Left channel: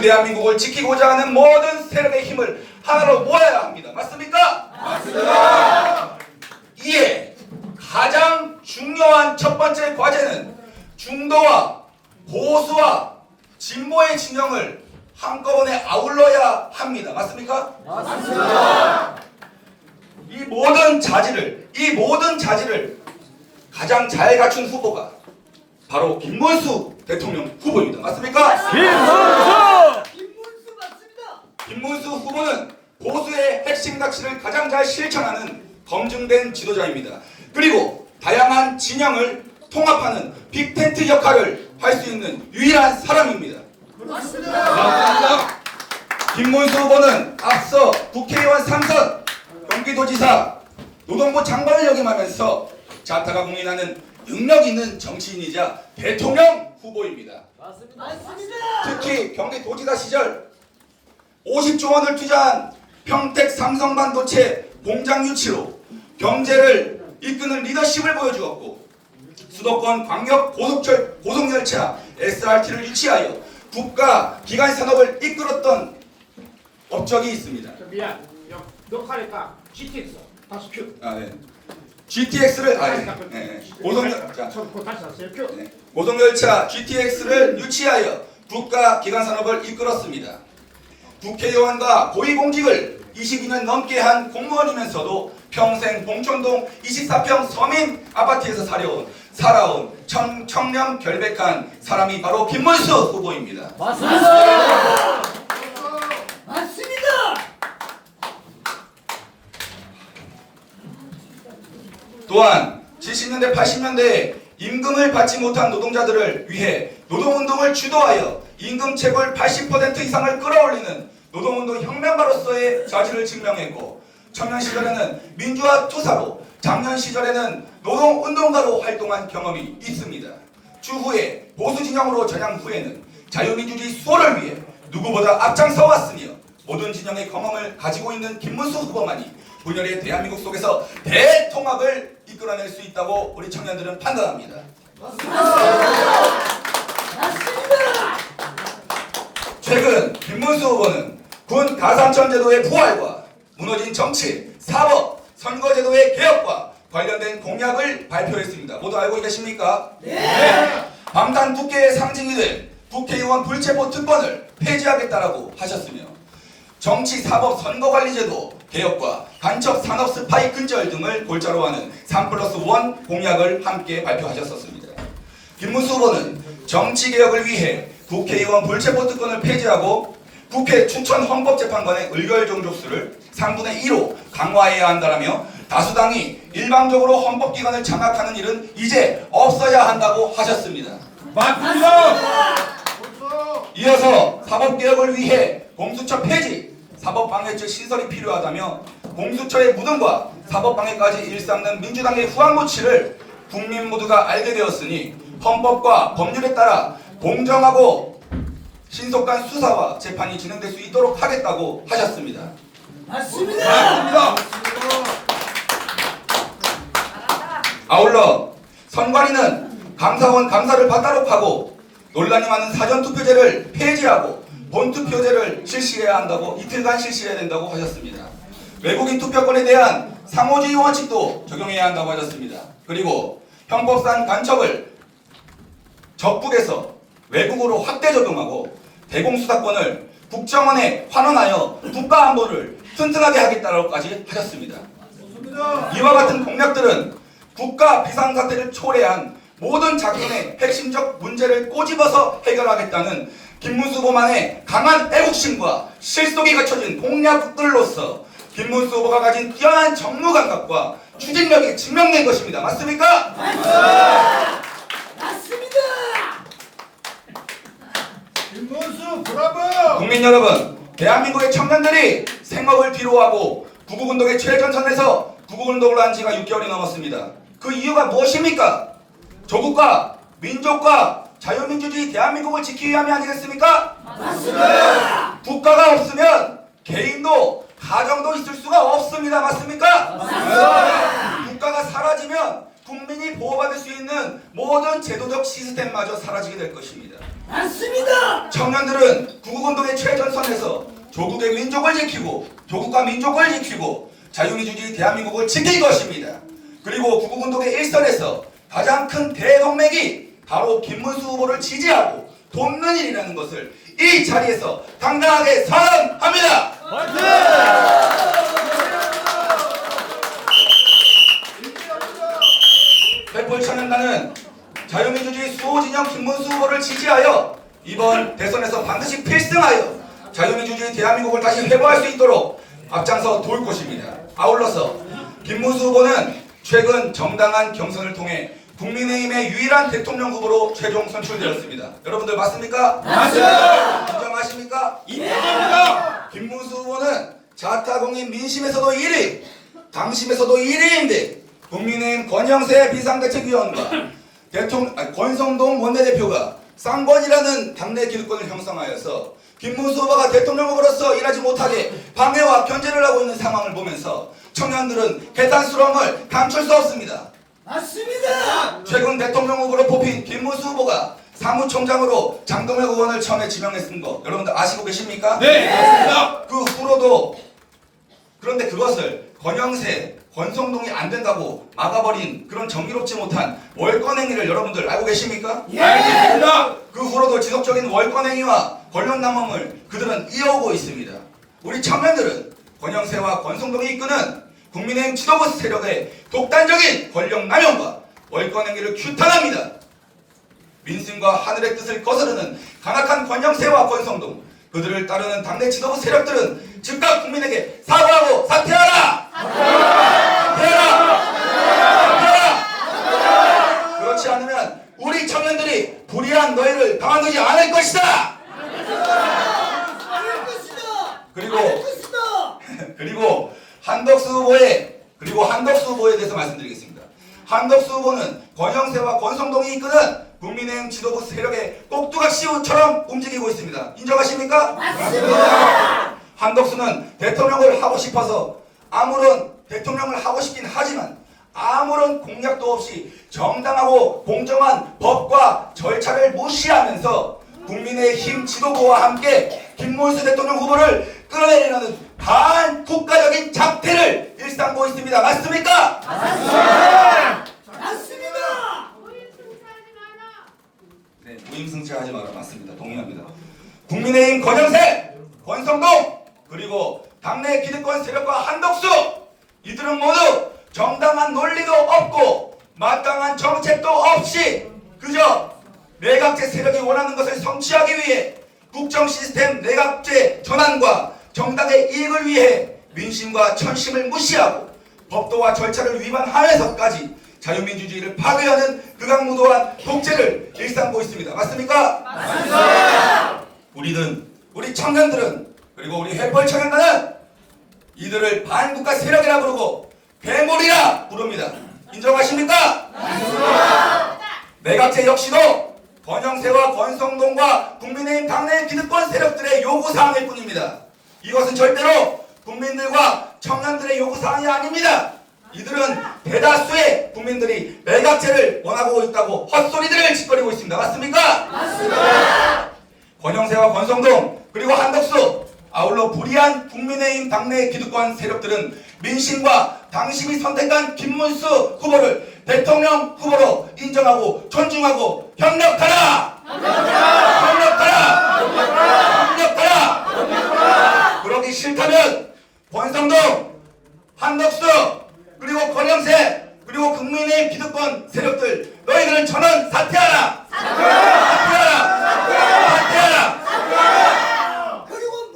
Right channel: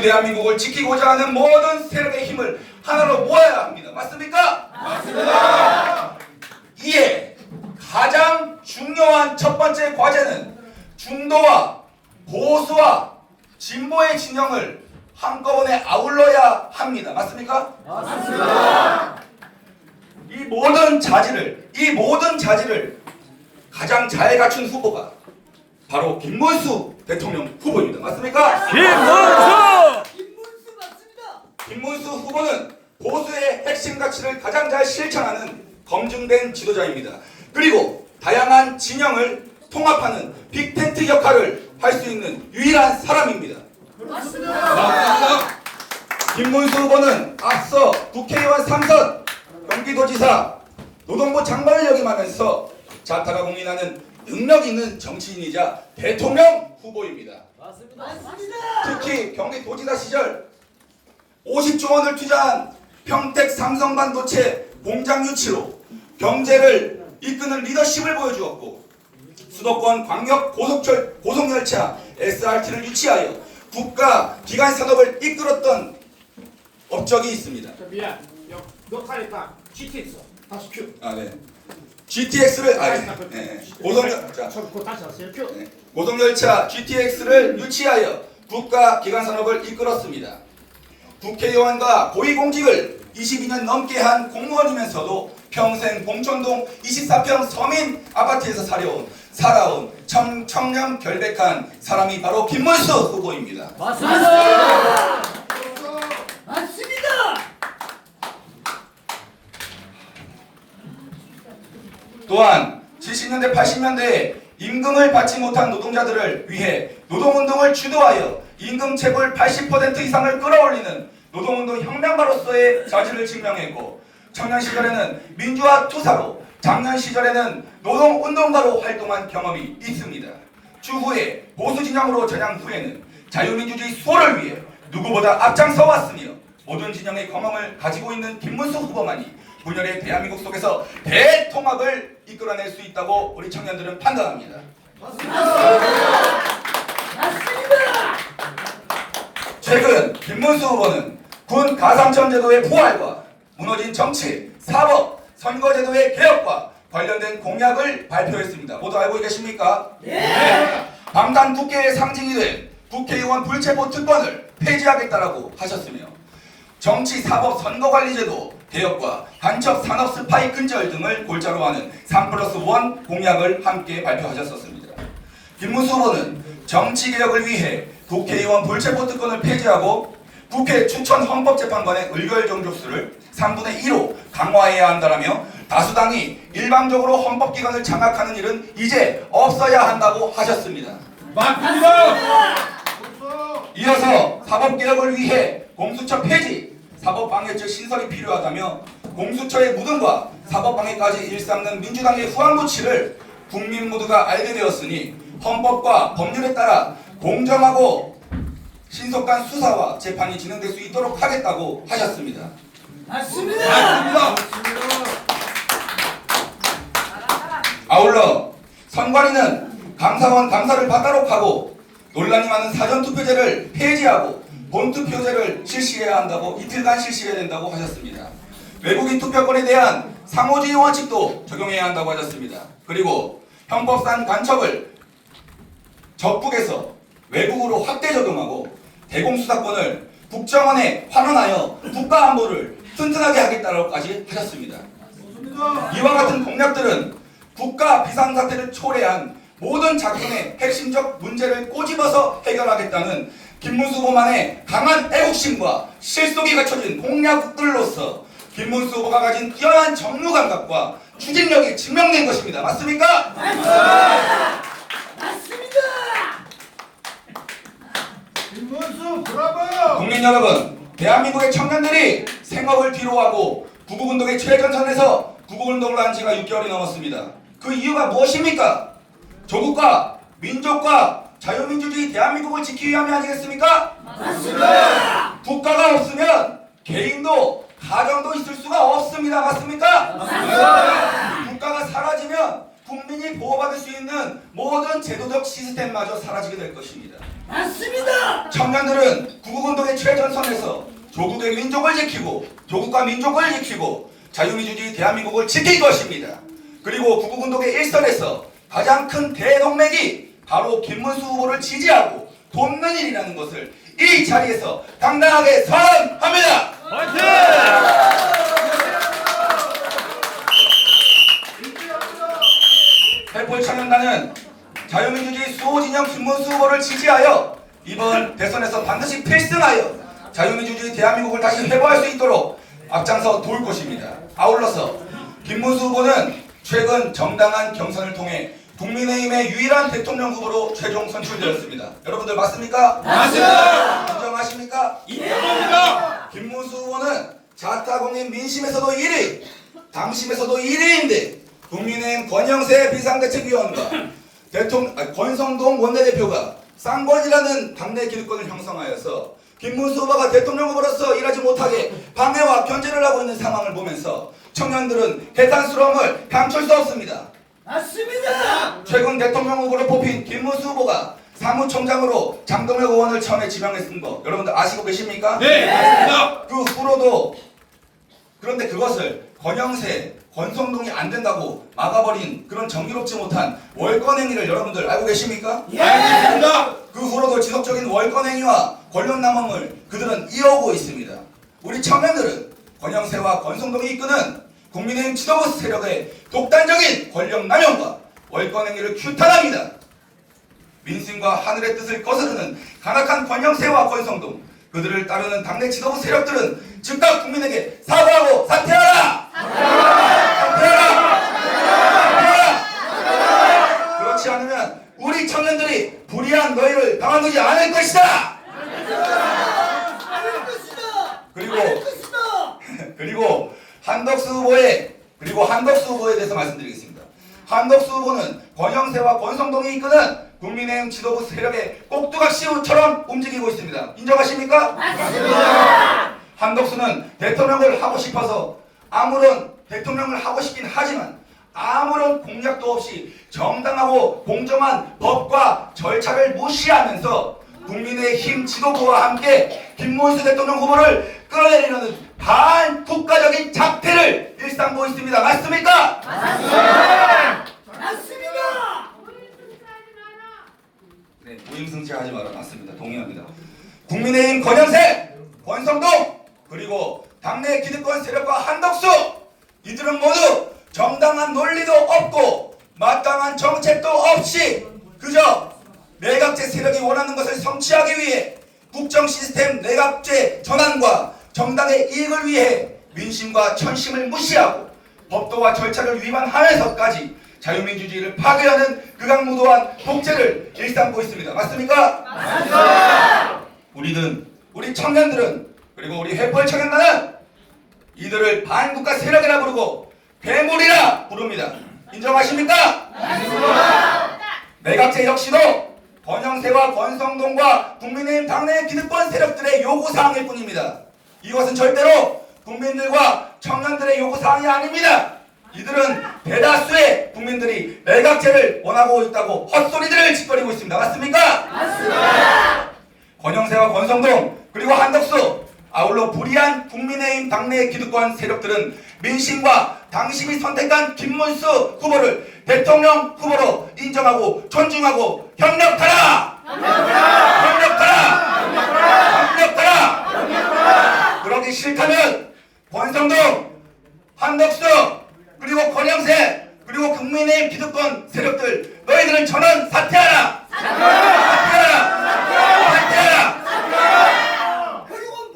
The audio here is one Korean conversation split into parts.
자유대한민국을 지키고자 하는 모든 세력의 힘을 하나로 모아야 합니다. 맞습니까? 맞습니다. 이에 가장 중요한 첫 번째 과제는 중도와 보수와 진보의 진영을 한꺼번에 아울러야 합니다. 맞습니까? 맞습니다. 이 모든 자질을 가장 잘 갖춘 후보가 바로 김문수 대통령 후보입니다. 맞습니까? 김문수 맞습니다. 김문수 후보는 보수의 핵심 가치를 가장 잘 실천하는 검증된 지도자입니다. 그리고 다양한 진영을 통합하는 빅텐트 역할을 할 수 있는 유일한 사람입니다. 맞습니다. 김문수 후보는 앞서 국회의원 3선, 경기도지사, 노동부 장관을 역임하면서 자타가 공인하는 능력 있는 정치인이자 대통령 후보입니다. 맞습니다. 특히 경기도지사 시절 50조 원을 투자한 평택 삼성반도체 공장 유치로 경제를 이끄는 리더십을 보여주었고, 수도권 광역 고속열차 SRT를 유치하여 국가 기관 산업을 이끌었던 업적이 있습니다. 미안. 몇 칸일까? GTX 다시 큐. 네. GTX를 그거 다시 하세요. 큐. 고속열차 GTX를 유치하여 국가 기관 산업을 이끌었습니다. 국회의원과 고위공직을 22년 넘게 한 공무원이면서도 평생 봉천동 24평 서민 아파트에서 살아온 청렴 결백한 사람이 바로 김문수 후보입니다. 맞습니다. 맞습니다. 또한 70년대 80년대에 임금을 받지 못한 노동자들을 위해 노동운동을 주도하여 임금 체불 80% 이상을 끌어올리는 노동운동 혁명가로서의 자질을 증명했고, 청년 시절에는 민주화 투사로, 장년 시절에는 노동운동가로 활동한 경험이 있습니다. 추후에 보수 진영으로 전향 후에는 자유민주주의 수호를 위해 누구보다 앞장서 왔으며 모든 진영의 경험을 가지고 있는 김문수 후보만이 분열의 대한민국 속에서 대통합을 이끌어낼 수 있다고 우리 청년들은 판단합니다. 맞습니다. 최근 김문수 후보는 군 가산점 제도의 부활과 무너진 정치, 사법, 선거제도의 개혁과 관련된 공약을 발표했습니다. 모두 알고 계십니까? 네. 방탄 국회의 상징이 된 국회의원 불체포 특권을 폐지하겠다라고 하셨으며, 정치, 사법, 선거관리제도 개혁과 간첩 산업 스파이 근절 등을 골자로 하는 3+1 공약을 함께 발표하셨었습니다. 김문수 후보는 정치개혁을 위해 국회의원 불체포 특권을 폐지하고 국회 추천 헌법재판관의 의결 정족수를 3분의 2로 강화해야 한다라며 다수당이 일방적으로 헌법기관을 장악하는 일은 이제 없어야 한다고 하셨습니다. 맞습니다. 이어서 사법개혁을 위해 공수처 폐지, 사법방해죄 신설이 필요하다며 공수처의 무덤과 사법방해까지 일삼는 민주당의 후한무치를 국민 모두가 알게 되었으니 헌법과 법률에 따라 공정하고 신속한 수사와 재판이 진행될 수 있도록 하겠다고 하셨습니다. 맞습니다. 아울러 선관위는 감사원 감사를 받도록 하고, 논란이 많은 사전투표제를 폐지하고 본투표제를 실시해야 한다고, 이틀간 실시해야 된다고 하셨습니다. 외국인 투표권에 대한 상호주의 원칙도 적용해야 한다고 하셨습니다. 그리고 형법상 간첩을 적북에서 외국으로 확대 적용하고 대공수사권을 국정원에 환원하여 국가안보를 튼튼하게 하겠다고까지 하셨습니다. 이와 같은 공약들은 국가 비상사태를 초래한 모든 작품의 핵심적 문제를 꼬집어서 해결하겠다는 김문수 후보만의 강한 애국심과 실속이 갖춰진 공약들로서 김문수 후보가 가진 뛰어난 정무 감각과 추진력이 증명된 것입니다. 맞습니까? 맞습니다. 김문수 브라보. 국민 여러분, 대한민국의 청년들이 생업을 뒤로하고 구국운동의 최전선에서 구국운동을 한 지가 6개월이 넘었습니다. 그 이유가 무엇입니까? 조국과 민족과 자유민주주의 대한민국을 지키기 위함이 아니겠습니까? 맞습니다. 국가가 없으면 개인도 가정도 있을 수가 없습니다. 맞습니까? 맞습니다. 국가가 사라지면 국민이 보호받을 수 있는 모든 제도적 시스템마저 사라지게 될 것입니다. 맞습니다. 청년들은 구국운동의 최전선에서 조국의 민족을 지키고 조국과 민족을 지키고 자유민주주의 대한민국을 지킬 것입니다. 그리고 구국운동의 일선에서 가장 큰 대동맥이 바로 김문수 후보를 지지하고 돕는 일이라는 것을 이 자리에서 당당하게 선언합니다. 횃불청년단은 자유민주주의 수호진영 김문수 후보를 지지하여 이번 대선에서 반드시 필승하여 자유민주주의 대한민국을 다시 회복할 수 있도록 앞장서 도울 것입니다. 아울러서 김문수 후보는 최근 정당한 경선을 통해 국민의힘의 유일한 대통령 후보로 최종 선출되었습니다. 여러분들 맞습니까? 맞습니다. 인정하십니까? 인정합니다. 김문수 후보는 자타공인 민심에서도 1위, 당심에서도 1위인데 국민의힘 권영세 비상대책위원과 권성동 원내대표가 쌍권이라는 당내 기득권을 형성하여서 김문수 후보가 대통령 후보로서 일하지 못하게 방해와 견제를 하고 있는 상황을 보면서 청년들은 개탄스러움을 감출 수 없습니다. 맞습니다. 최근 대통령 후보로 뽑힌 김문수 후보가 사무총장으로 장동혁 의원을 처음에 지명했은 거 여러분들 아시고 계십니까? 네, 맞습니다. 그 후로도 그런데 그것을 권영세, 권성동이 안 된다고 막아버린 그런 정의롭지 못한 월권행위를 여러분들 알고 계십니까? 알겠습니다. 그 후로도 지속적인 월권행위와 권력남용을 그들은 이어오고 있습니다. 우리 청년들은 권영세와 권성동이 이끄는 국민의힘 지도부 세력의 독단적인 권력남용과 월권행위를 규탄합니다. 민심과 하늘의 뜻을 거스르는 간악한 권영세와 권성동, 그들을 따르는 당내 지도부 세력들은 즉각 국민에게 사과하고 사퇴하라! 사퇴하라! 그렇지 않으면 우리 청년들이 불의한 너희를 가만두지 않을 것이다! 그리고 한덕수 후보에 대해서 말씀드리겠습니다. 한덕수 후보는 권영세와 권성동이 이끄는 국민의힘 지도부 세력의 꼭두각시처럼 움직이고 있습니다. 인정하십니까? 맞습니다. 한덕수는 대통령을 하고 싶어서 대통령을 하고 싶긴 하지만 아무런 공약도 없이 정당하고 공정한 법과 절차를 무시하면서 국민의힘 지도부와 함께 김문수 대통령 후보를 끌어내리려는 반국가적인 작태를 일삼고 있습니다. 맞습니까? 맞습니다. 네, 무임승차하지 마라. 맞습니다. 동의합니다. 국민의힘 권영세, 권성동, 그리고 당내 기득권 세력과 한덕수, 이들은 모두 정당한 논리도 없고 마땅한 정책도 없이 그저 내각제 세력이 원하는 것을 성취하기 위해 국정 시스템 내각제 전환과 정당의 이익을 위해 민심과 천심을 무시하고 법도와 절차를 위반하면서까지 자유민주주의를 파괴하는 극악무도한 독재를 일삼고 있습니다. 맞습니까? 맞습니다. 우리 청년들은 그리고 우리 횃불청년단은 이들을 반국가 세력이라 부르고 괴물이라 부릅니다. 인정하십니까? 맞습니다. 내각제 역시도 권영세와 권성동과 국민의힘 당내 기득권 세력들의 요구사항일 뿐입니다. 이것은 절대로 국민들과 청년들의 요구사항이 아닙니다. 이들은 대다수의 국민들이 내각제를 원하고 있다고 헛소리들을 짓거리고 있습니다. 맞습니까? 맞습니다. 권영세와 권성동 그리고 한덕수 아울러 불의한 국민의힘 당내 기득권 세력들은 민심과 당심이 선택한 김문수 후보를 대통령 후보로 인정하고 존중하고 협력하라! 협력하라! 그러기 싫다면 권성동, 한덕수 그리고 권영세 그리고 국민의힘 기득권 세력들 너희들은 전원 사퇴하라! 사퇴하라! 그리고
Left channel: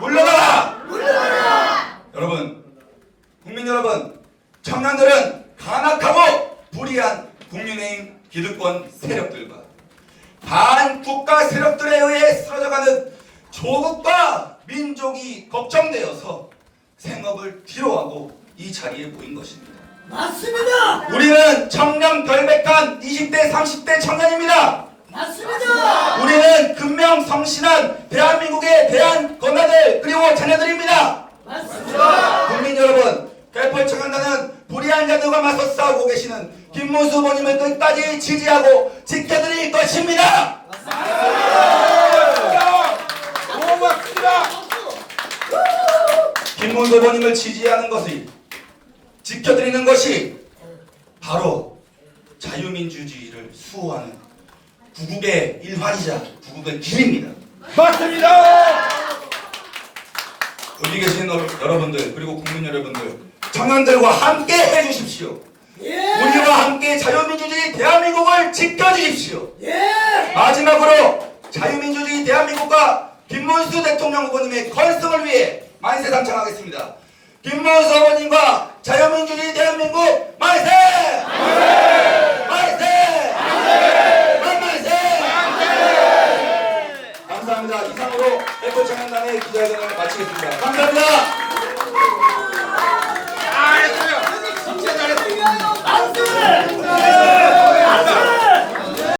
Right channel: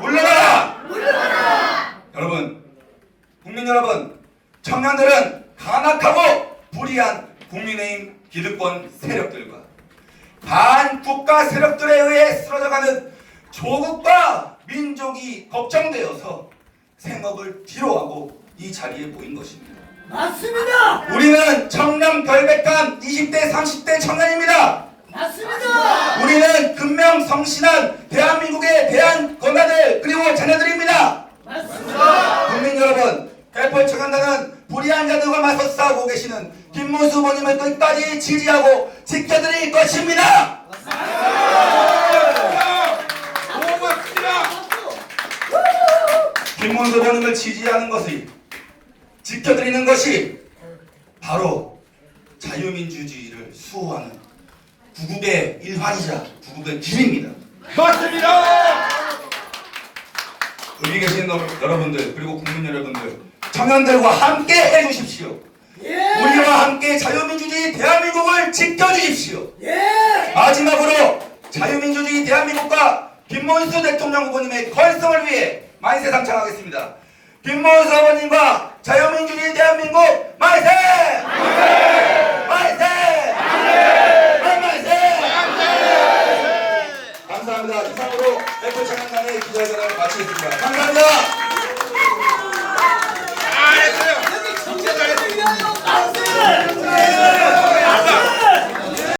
물러나라. 물러나라! 여러분, 국민 여러분, 청년들은 간악하고 불의한 국민의힘 기득권 세력들과 반국가 세력들에 의해 쓰러져가는 조국과 민족이 걱정되어서 생업을 뒤로하고 이 자리에 모인 것입니다. 맞습니다. 우리는 청년 결백한 20대 30대 청년입니다. 맞습니다. 우리는 근명성신한 대한민국의 대한 권한들 그리고 자녀들입니다. 맞습니다. 국민 여러분, 횃불청년단은 불의한 자들과 맞서 싸우고 계시는 김문수 후보님을 끝까지 지지하고 지켜드릴 것입니다. 고맙습니다. 김문수 후보님을 지지하는 것이 지켜드리는 것이 바로 자유민주주의를 수호하는 구국의 일환이자 구국의 길입니다. 맞습니다. 여기 계신 여러분들 그리고 국민 여러분들 청년들과 함께 해주십시오. 예. 우리와 함께 자유민주주의 대한민국을 지켜주십시오. 예. 마지막으로 자유민주주의 대한민국과 김문수 대통령 후보님의 건성을 위해 만세 당창하겠습니다. 김문수 후보님과 자유민주주의 대한민국 만세! 만세! 만세! 감사합니다. 이상으로 에코청년단의 기자회견을 마치겠습니다. 감사합니다.